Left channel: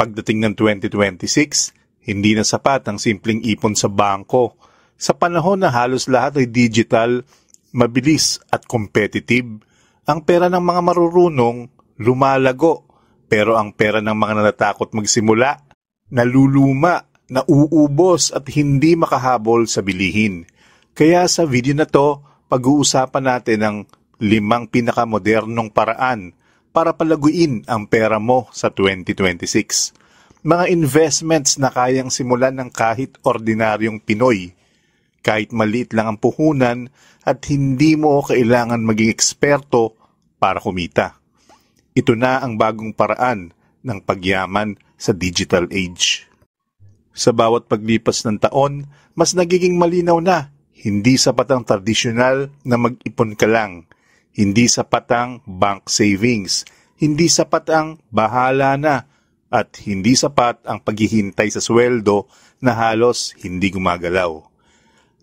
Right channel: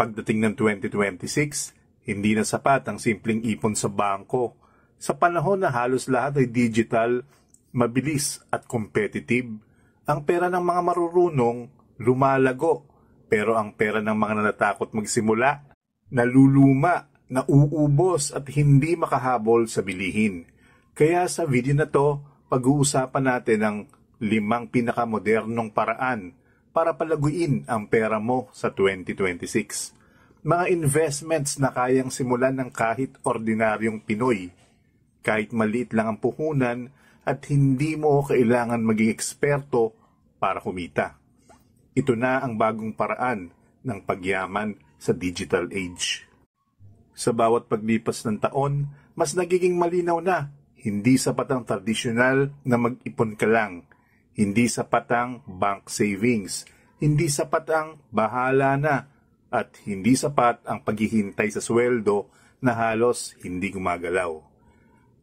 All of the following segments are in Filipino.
Pagdating ng 2026, hindi na sapat ang simpleng ipon sa bangko. Sa panahon na halos lahat ay digital, mabilis at competitive, ang pera ng mga marurunong lumalago. Pero ang pera ng mga natatakot magsimula, naluluma, nauubos at hindi makahabol sa bilihin. Kaya sa video na to, pag-uusapan natin ang 5 pinakamodernong paraan para palaguin ang pera mo sa 2026. Mga investments na kayang simulan ng kahit ordinaryong Pinoy. Kahit maliit lang ang puhunan at hindi mo kailangan maging eksperto para kumita. Ito na ang bagong paraan ng pagyaman sa digital age. Sa bawat paglipas ng taon, mas nagiging malinaw na hindi sapat ang tradisyonal na mag-ipon ka lang. Hindi sapat ang bank savings. Hindi sapat ang bahala na. At hindi sapat ang paghihintay sa sweldo na halos hindi gumagalaw.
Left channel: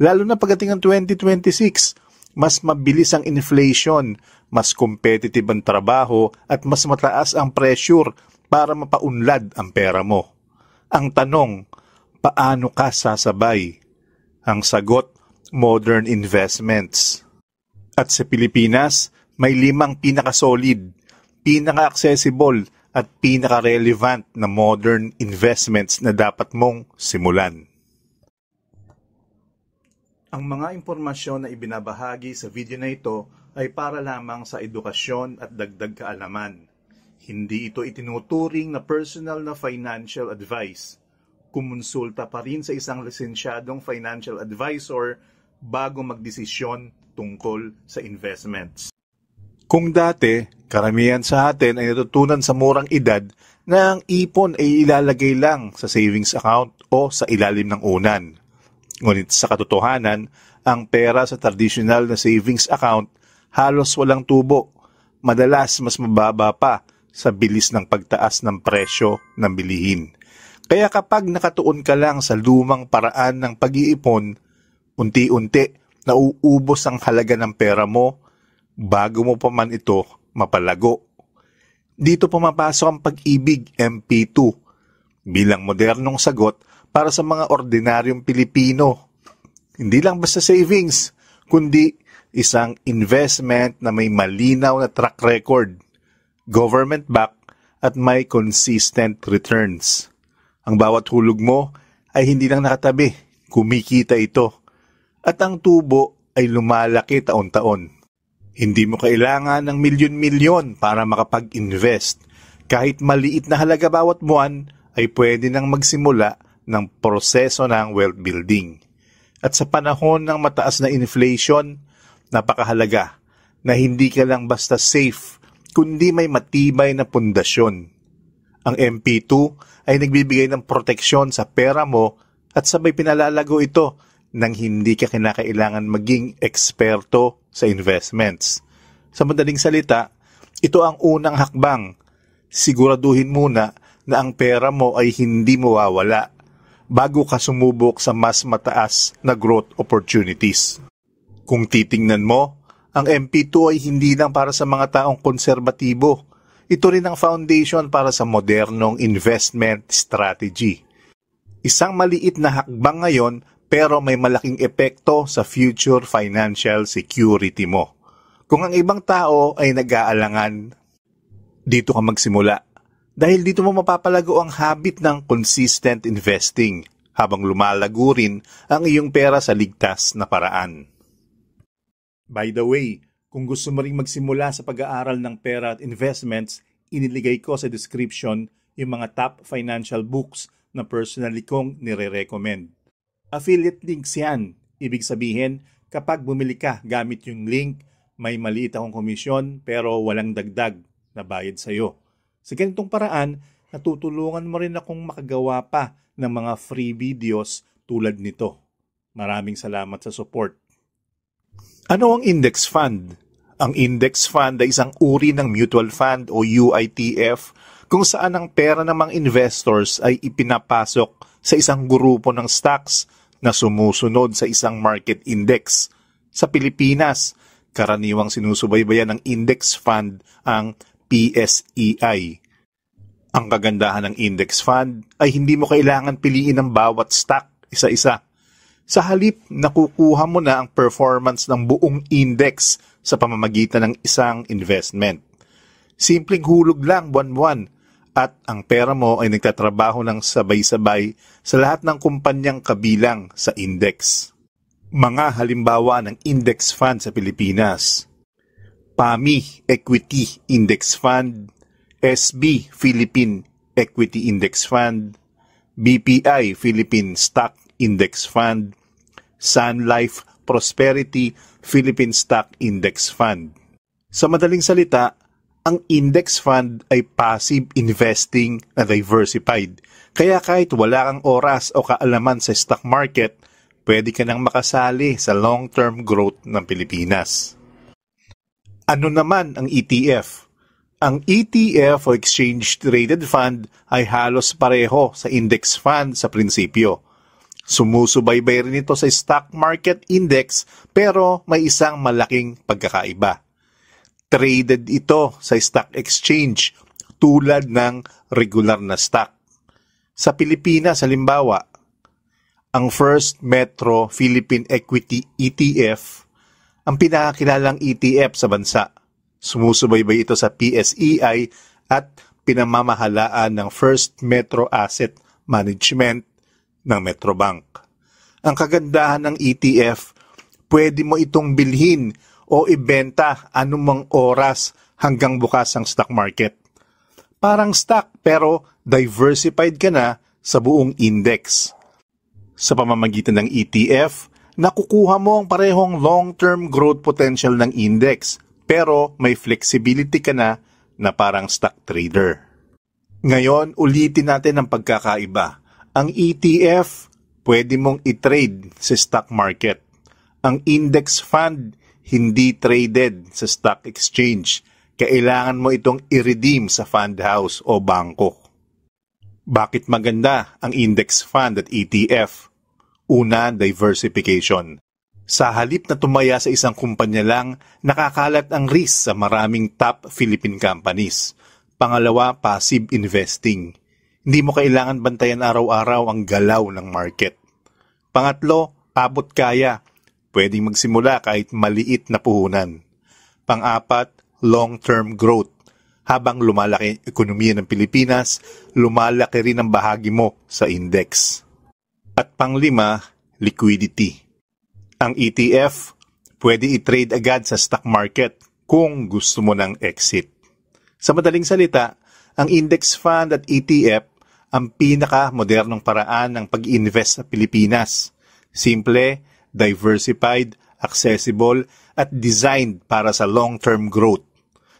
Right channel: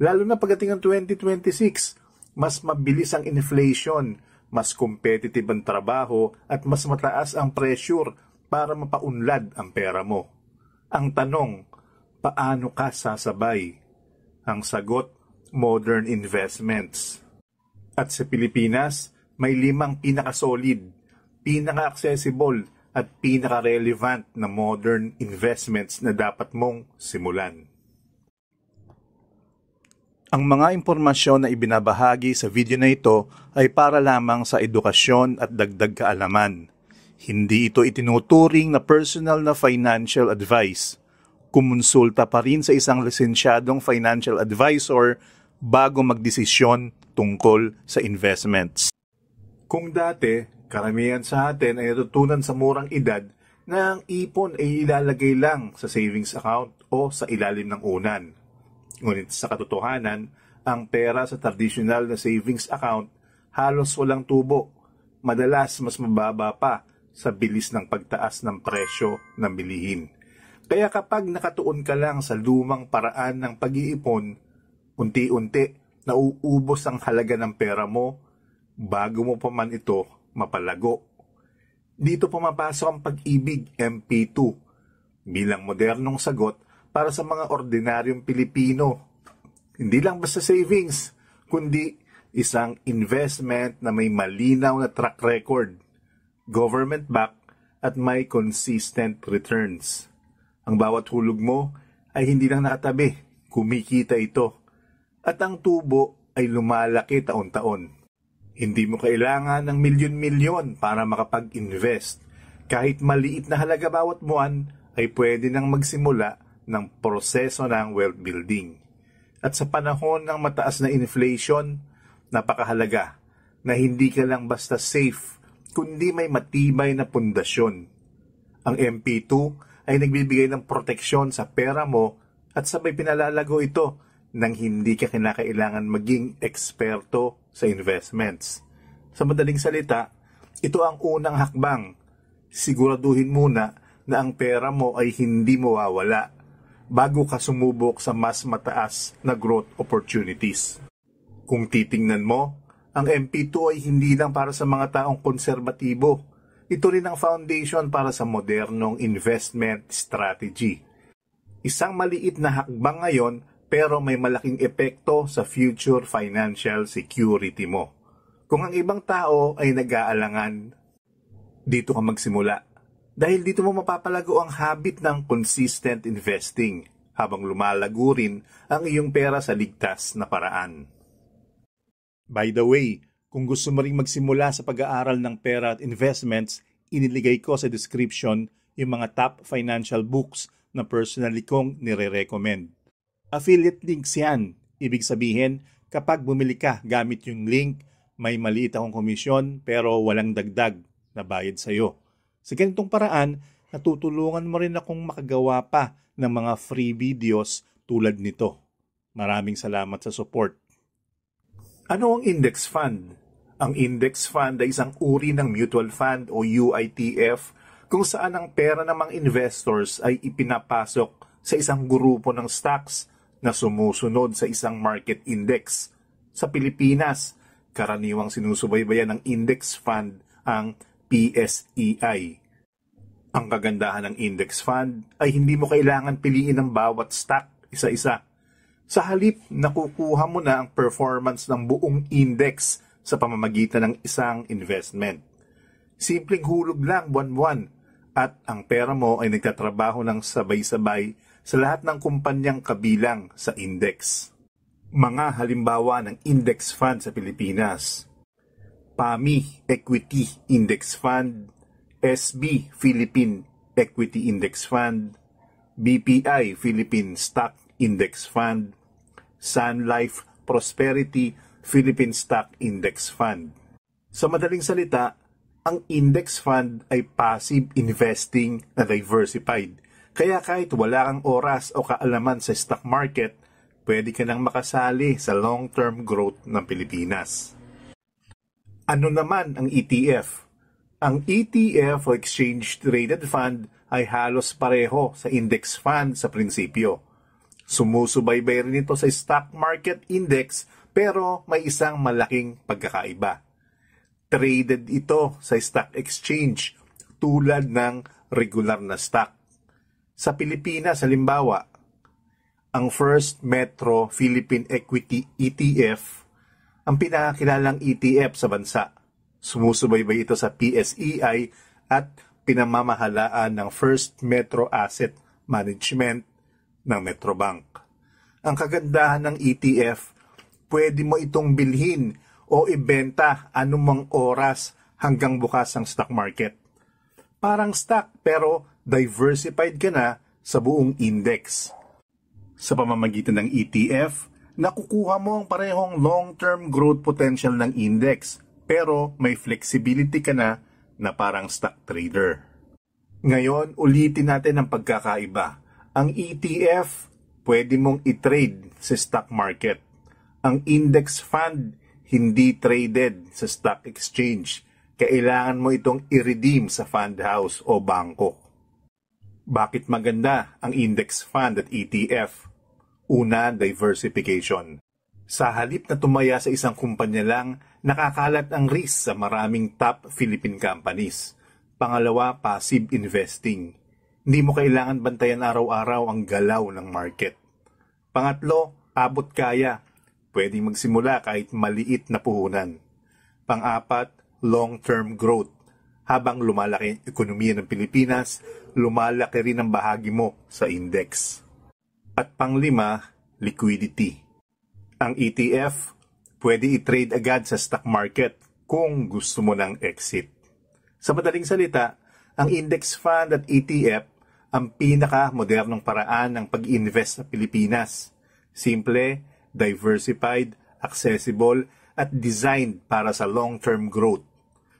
Lalo na pagdating ng 2026, mas mabilis ang inflation, mas competitive ang trabaho at mas mataas ang pressure para mapaunlad ang pera mo. Ang tanong, paano ka sasabay? Ang sagot, modern investments. At sa Pilipinas, may 5 pinakasolid, pinaka-accessible at pinaka-relevant na modern investments na dapat mong simulan. Ang mga impormasyon na ibinabahagi sa video na ito ay para lamang sa edukasyon at dagdag kaalaman. Hindi ito itinuturing na personal na financial advice. Kumonsulta pa rin sa isang lisensyadong financial advisor bago magdesisyon tungkol sa investments. Kung dati, karamihan sa atin ay natutunan sa murang edad na ang ipon ay ilalagay lang sa savings account o sa ilalim ng unan. Ngunit sa katotohanan, ang pera sa traditional na savings account halos walang tubo. Madalas mas mababa pa sa bilis ng pagtaas ng presyo ng bilihin. Kaya kapag nakatuon ka lang sa lumang paraan ng pag-iipon, unti-unti nauubos ang halaga ng pera mo bago mo pa man ito mapalago. Dito pumapasok ang Pag-ibig MP2 bilang modernong sagot para sa mga ordinaryong Pilipino. Hindi lang basta savings, kundi isang investment na may malinaw na track record, government-backed at may consistent returns. Ang bawat hulog mo ay hindi lang nakatabi, kumikita ito. At ang tubo ay lumalaki taon-taon. Hindi mo kailangan ng milyon-milyon para makapag-invest. Kahit maliit na halaga bawat buwan, ay pwede nang magsimula ng proseso ng wealth building. At sa panahon ng mataas na inflation, napakahalaga na hindi ka lang basta safe, kundi may matibay na pundasyon. Ang MP2 ay nagbibigay ng proteksyon sa pera mo at sabay pinalalago ito nang hindi ka kinakailangan maging eksperto sa investments. Sa madaling salita, ito ang unang hakbang. Siguraduhin muna na ang pera mo ay hindi mawawala bago ka sumubok sa mas mataas na growth opportunities. Kung titingnan mo, ang MP2 ay hindi lang para sa mga taong konserbatibo. Ito rin ang foundation para sa modernong investment strategy. Isang maliit na hakbang ngayon pero may malaking epekto sa future financial security mo. Kung ang ibang tao ay nag-aalangan, dito ka magsimula. Dahil dito mo mapapalago ang habit ng consistent investing habang lumalago rin ang iyong pera sa ligtas na paraan. By the way, kung gusto mo ring magsimula sa pag-aaral ng pera at investments, iniligay ko sa description yung mga top financial books na personally kong nire-recommend. Affiliate links yan. Ibig sabihin, kapag bumili ka gamit yung link, may maliit akong komisyon pero walang dagdag na bayad sa'yo. Sa ganitong paraan, natutulungan mo rin akong makagawa pa ng mga free videos tulad nito. Maraming salamat sa support. Ano ang index fund? Ang index fund ay isang uri ng mutual fund o UITF kung saan ang pera ng mga investors ay ipinapasok sa isang grupo ng stocks na sumusunod sa isang market index. Sa Pilipinas, karaniwang sinusubaybayan ng index fund ang PSEI. Ang Ang kagandahan ng index fund ay hindi mo kailangan piliin ang bawat stock isa-isa. Sa halip, nakukuha mo na ang performance ng buong index sa pamamagitan ng isang investment. Simpleng hulog lang buwan-buwan at ang pera mo ay nagtatrabaho ng sabay-sabay sa lahat ng kumpanyang kabilang sa index. Mga halimbawa ng index fund sa Pilipinas: PAMI Equity Index Fund, SB Philippine Equity Index Fund, BPI Philippine Stock Index Fund, Sun Life Prosperity Philippine Stock Index Fund. Sa madaling salita, ang index fund ay passive investing na diversified. Kaya kahit wala kang oras o kaalaman sa stock market, pwede ka nang makasali sa long-term growth ng Pilipinas. Ano naman ang ETF? Ang ETF o Exchange Traded Fund ay halos pareho sa index fund sa prinsipyo. Sumusubaybay rin ito sa stock market index pero may isang malaking pagkakaiba. Traded ito sa stock exchange tulad ng regular na stock. Sa Pilipinas, halimbawa, ang First Metro Philippine Equity ETF ang pinakakilalang ETF sa bansa. Sumusubaybay ito sa PSEI at pinamamahalaan ng First Metro Asset Management ng Metrobank. Ang kagandahan ng ETF, pwede mo itong bilhin o ibenta anumang oras hanggang bukas ang stock market. Parang stock pero diversified ka na sa buong index. Sa pamamagitan ng ETF, nakukuha mo ang parehong long-term growth potential ng index pero may flexibility ka na parang stock trader. Ngayon, ulitin natin ang pagkakaiba. Ang ETF, pwede mong i-trade sa stock market. Ang index fund, hindi traded sa stock exchange. Kailangan mo itong i-redeem sa fund house o bangko. Bakit maganda ang index fund at ETF? Una, diversification. Sa halip na tumaya sa isang kumpanya lang, nakakalat ang risk sa maraming top Philippine companies. Pangalawa, passive investing. Hindi mo kailangan bantayan araw-araw ang galaw ng market. Pangatlo, abot kaya. Pwedeng magsimula kahit maliit na puhunan. Pang-apat, long-term growth. Habang lumalaki ang ekonomiya ng Pilipinas, lumalaki rin ang bahagi mo sa index. At pang-lima, liquidity. Ang ETF, pwede i-trade agad sa stock market kung gusto mo ng exit. Sa madaling salita, ang index fund at ETF ang pinaka-modernong paraan ng pag-invest sa Pilipinas. Simple, diversified, accessible, at designed para sa long-term growth.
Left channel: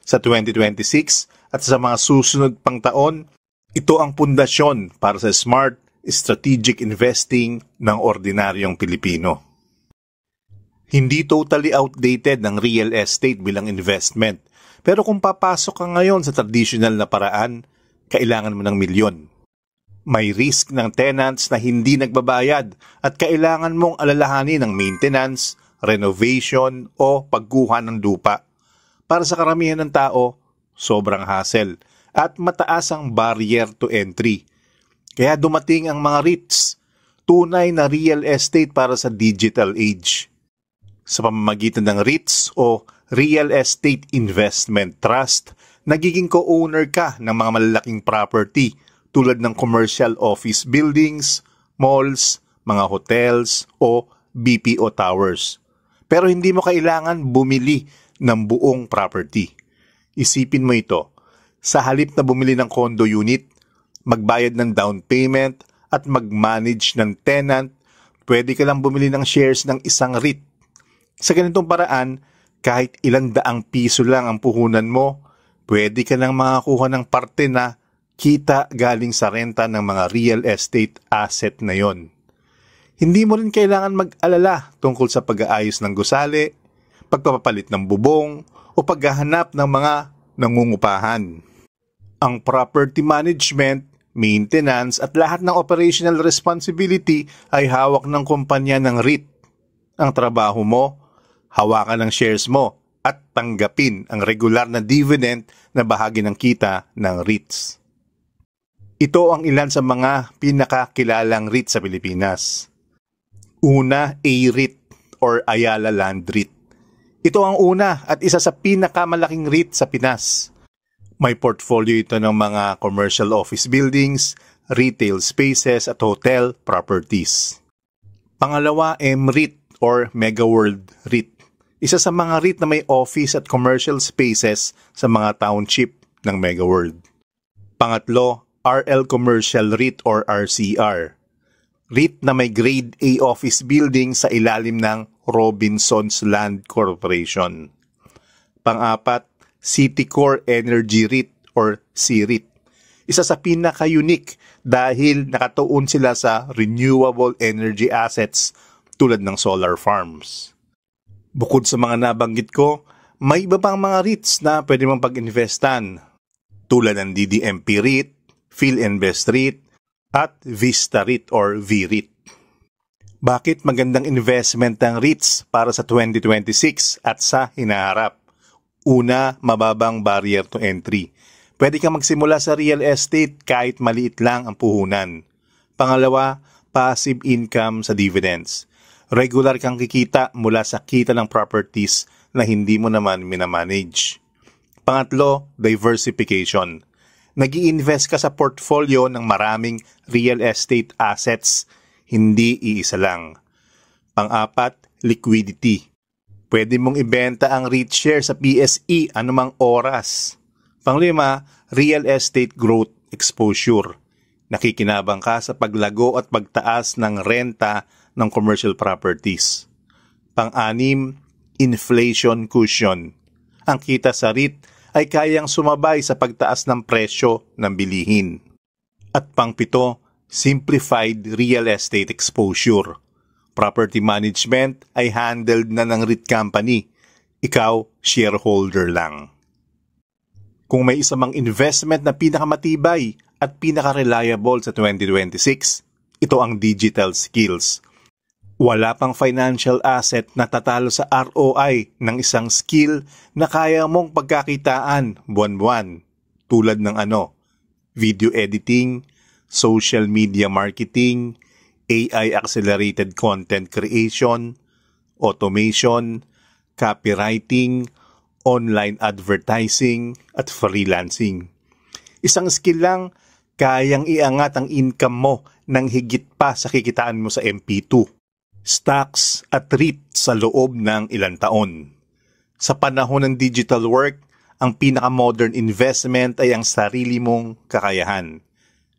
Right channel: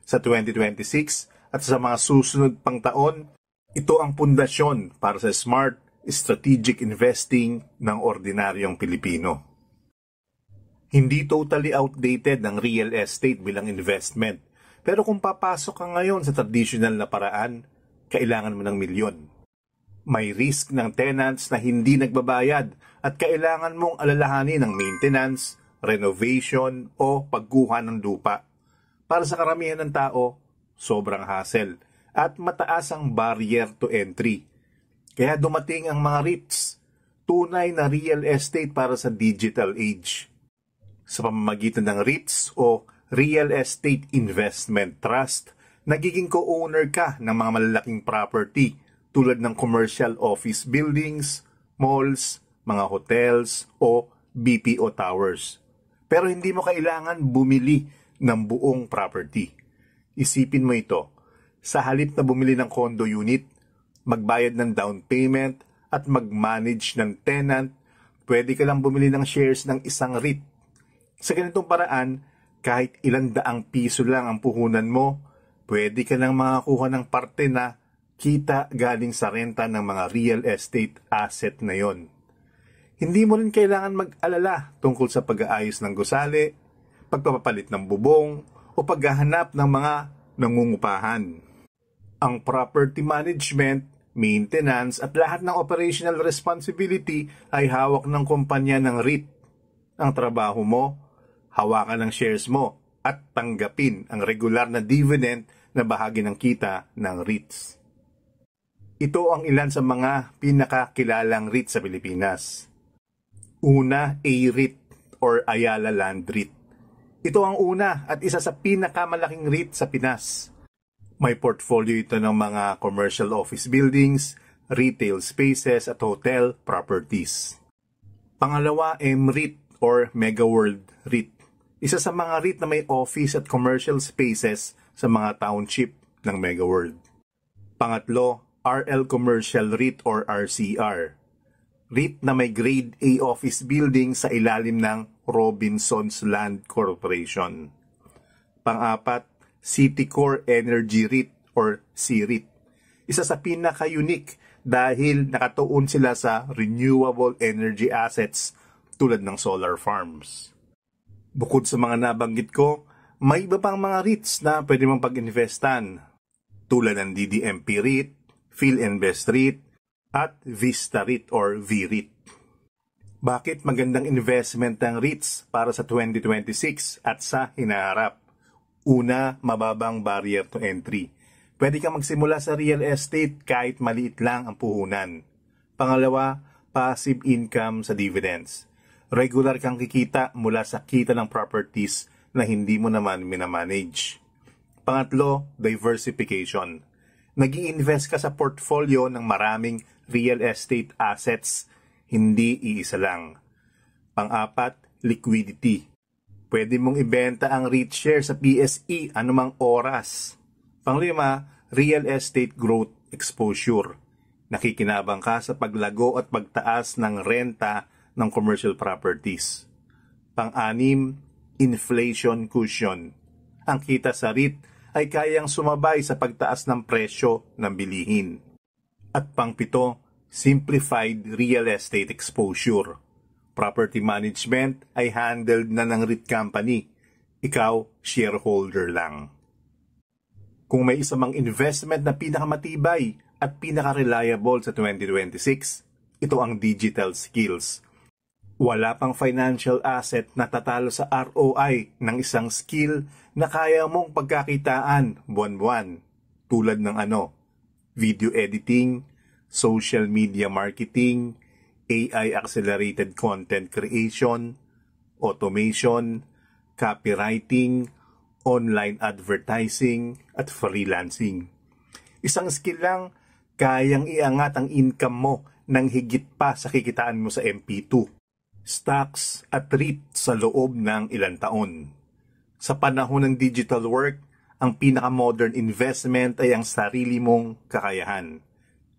Sa 2026 at sa mga susunod pang taon, ito ang pundasyon para sa smart, strategic investing ng ordinaryong Pilipino. Hindi totally outdated ng real estate bilang investment. Pero kung papasok ka ngayon sa traditional na paraan, kailangan mo ng milyon. May risk ng tenants na hindi nagbabayad at kailangan mong alalahanin ng maintenance, renovation o pagkuha ng lupa. Para sa karamihan ng tao, sobrang hassle at mataas ang barrier to entry. Kaya dumating ang mga REITs, tunay na real estate para sa digital age. Sa pamamagitan ng REITs o Real Estate Investment Trust, nagiging co-owner ka ng mga malalaking property tulad ng commercial office buildings, malls, mga hotels o BPO towers. Pero hindi mo kailangan bumili ng buong property. Isipin mo ito, sa halip na bumili ng condo unit, magbayad ng down payment at mag-manage ng tenant, pwede ka lang bumili ng shares ng isang REIT. Sa ganitong paraan, kahit ilang daang piso lang ang puhunan mo, pwede ka nang makakuha ng parte na kita galing sa renta ng mga real estate asset na yon. Hindi mo rin kailangan mag-alala tungkol sa pag-aayos ng gusali, pagpapalit ng bubong, o paghahanap ng mga nangungupahan. Ang property management, maintenance at lahat ng operational responsibility ay hawak ng kumpanya ng REIT. Ang trabaho mo, hawakan ng shares mo at tanggapin ang regular na dividend na bahagi ng kita ng REITs. Ito ang ilan sa mga pinakakilalang REIT sa Pilipinas. Una, A-REIT or Ayala Land REIT. Ito ang una at isa sa pinakamalaking REIT sa Pinas. May portfolio ito ng mga commercial office buildings, retail spaces at hotel properties. Pangalawa, M-REIT or Mega World REIT. Isa sa mga REIT na may office at commercial spaces sa mga township ng Mega World. Pangatlo, RL Commercial REIT or RCR. REIT na may Grade A office building sa ilalim ng Robinsons Land Corporation. Pang-apat, Citicorp Energy REIT or CREIT. Isa sa pinaka-unique dahil nakatuon sila sa renewable energy assets tulad ng solar farms. Bukod sa mga nabanggit ko, may iba pang mga REITs na pwede mong pag-investan tulad ng DDMP REIT, PhilInvest REIT, at Vista REIT or VREIT. Bakit magandang investment ng REITs para sa 2026 at sa hinaharap? Una, mababang barrier to entry. Pwede kang magsimula sa real estate kahit maliit lang ang puhunan. Pangalawa, passive income sa dividends. Regular kang kikita mula sa kita ng properties na hindi mo naman minamanage. Pangatlo, diversification. Nag-i-invest ka sa portfolio ng maraming real estate assets, hindi iisa lang. Pang-apat, liquidity. Pwede mong ibenta ang REIT share sa PSE anumang oras. Panglima, real estate growth exposure. Nakikinabang ka sa paglago at pagtaas ng renta ng commercial properties. Pang-anim, inflation cushion. Ang kita sa REIT ay kayang sumabay sa pagtaas ng presyo ng bilihin. At pang-pito, simplified real estate exposure. Property management ay handled na ng REIT company. Ikaw, shareholder lang. Kung may isa mang investment na pinakamatibay at pinaka-reliable sa 2026, ito ang digital skills. Wala pang financial asset na tatalo sa ROI ng isang skill na kaya mong pagkakitaan buwan-buwan. Tulad ng video editing, social media marketing, AI-accelerated content creation, automation, copywriting, online advertising, at freelancing. Isang skill lang, kayang iangat ang income mo ng higit pa sa kikitaan mo sa MP2. Stocks at REIT sa loob ng ilang taon. Sa panahon ng digital work, ang pinaka-modern investment ay ang sarili mong kakayahan.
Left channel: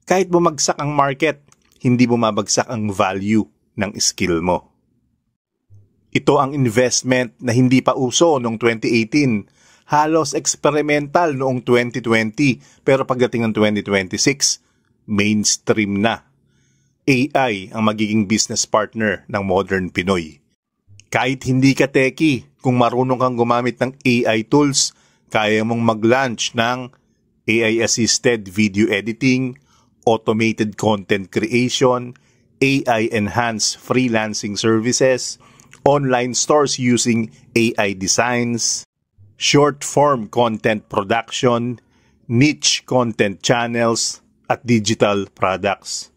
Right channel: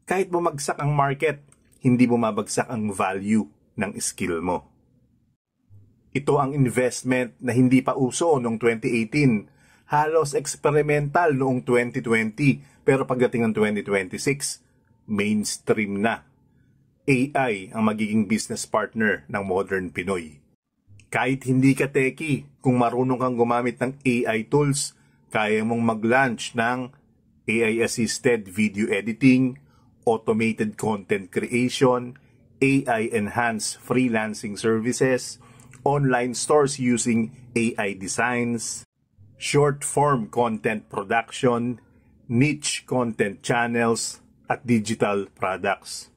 Kahit bumagsak ang market, hindi bumabagsak ang value ng skill mo. Ito ang investment na hindi pa uso noong 2018, halos experimental noong 2020, pero pagdating ng 2026, mainstream na. AI ang magiging business partner ng modern Pinoy. Kahit hindi ka techie, kung marunong kang gumamit ng AI tools, kaya mong mag-launch ng AI-assisted video editing, automated content creation, AI-enhanced freelancing services, online stores using AI designs, short-form content production, niche content channels, at digital products.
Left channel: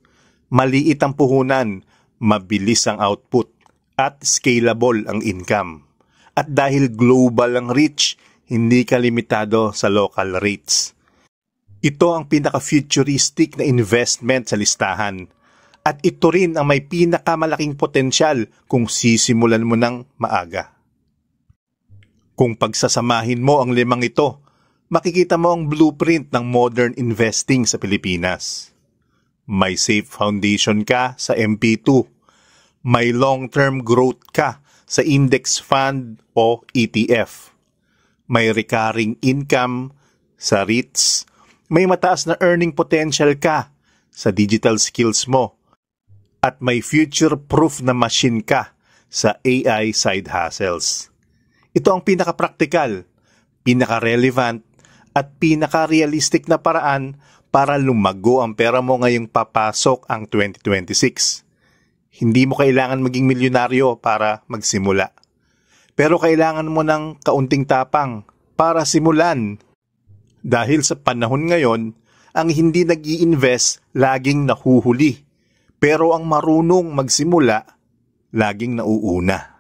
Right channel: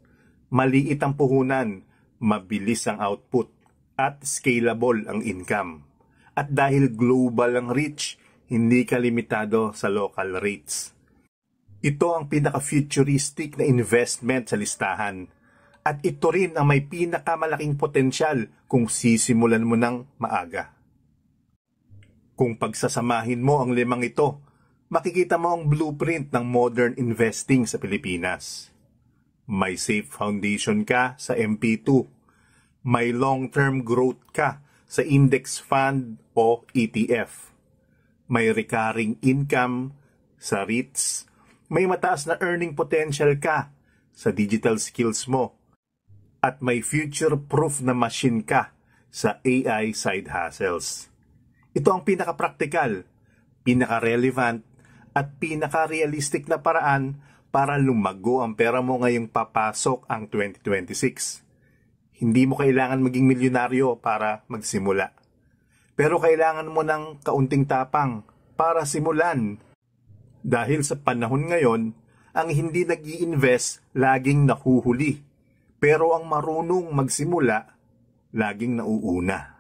Maliit ang puhunan, mabilis ang output, at scalable ang income. At dahil global ang reach, hindi ka limitado sa local rates. Ito ang pinaka-futuristic na investment sa listahan. At ito rin ang may pinakamalaking potensyal kung sisimulan mo ng maaga. Kung pagsasamahin mo ang limang ito, makikita mo ang blueprint ng modern investing sa Pilipinas. May safe foundation ka sa MP2. May long-term growth ka sa index fund o ETF. May recurring income sa REITs. May mataas na earning potential ka sa digital skills mo. At may future-proof na machine ka sa AI side hustles. Ito ang pinaka-practical, pinaka-relevant, at pinaka-realistic na paraan para lumago ang pera mo ngayong papasok ang 2026. Hindi mo kailangan maging milyonaryo para magsimula. Pero kailangan mo ng kaunting tapang para simulan. Dahil sa panahon ngayon, Ang hindi nag-i-invest, laging nahuhuli. Pero ang marunong magsimula, laging nauuna.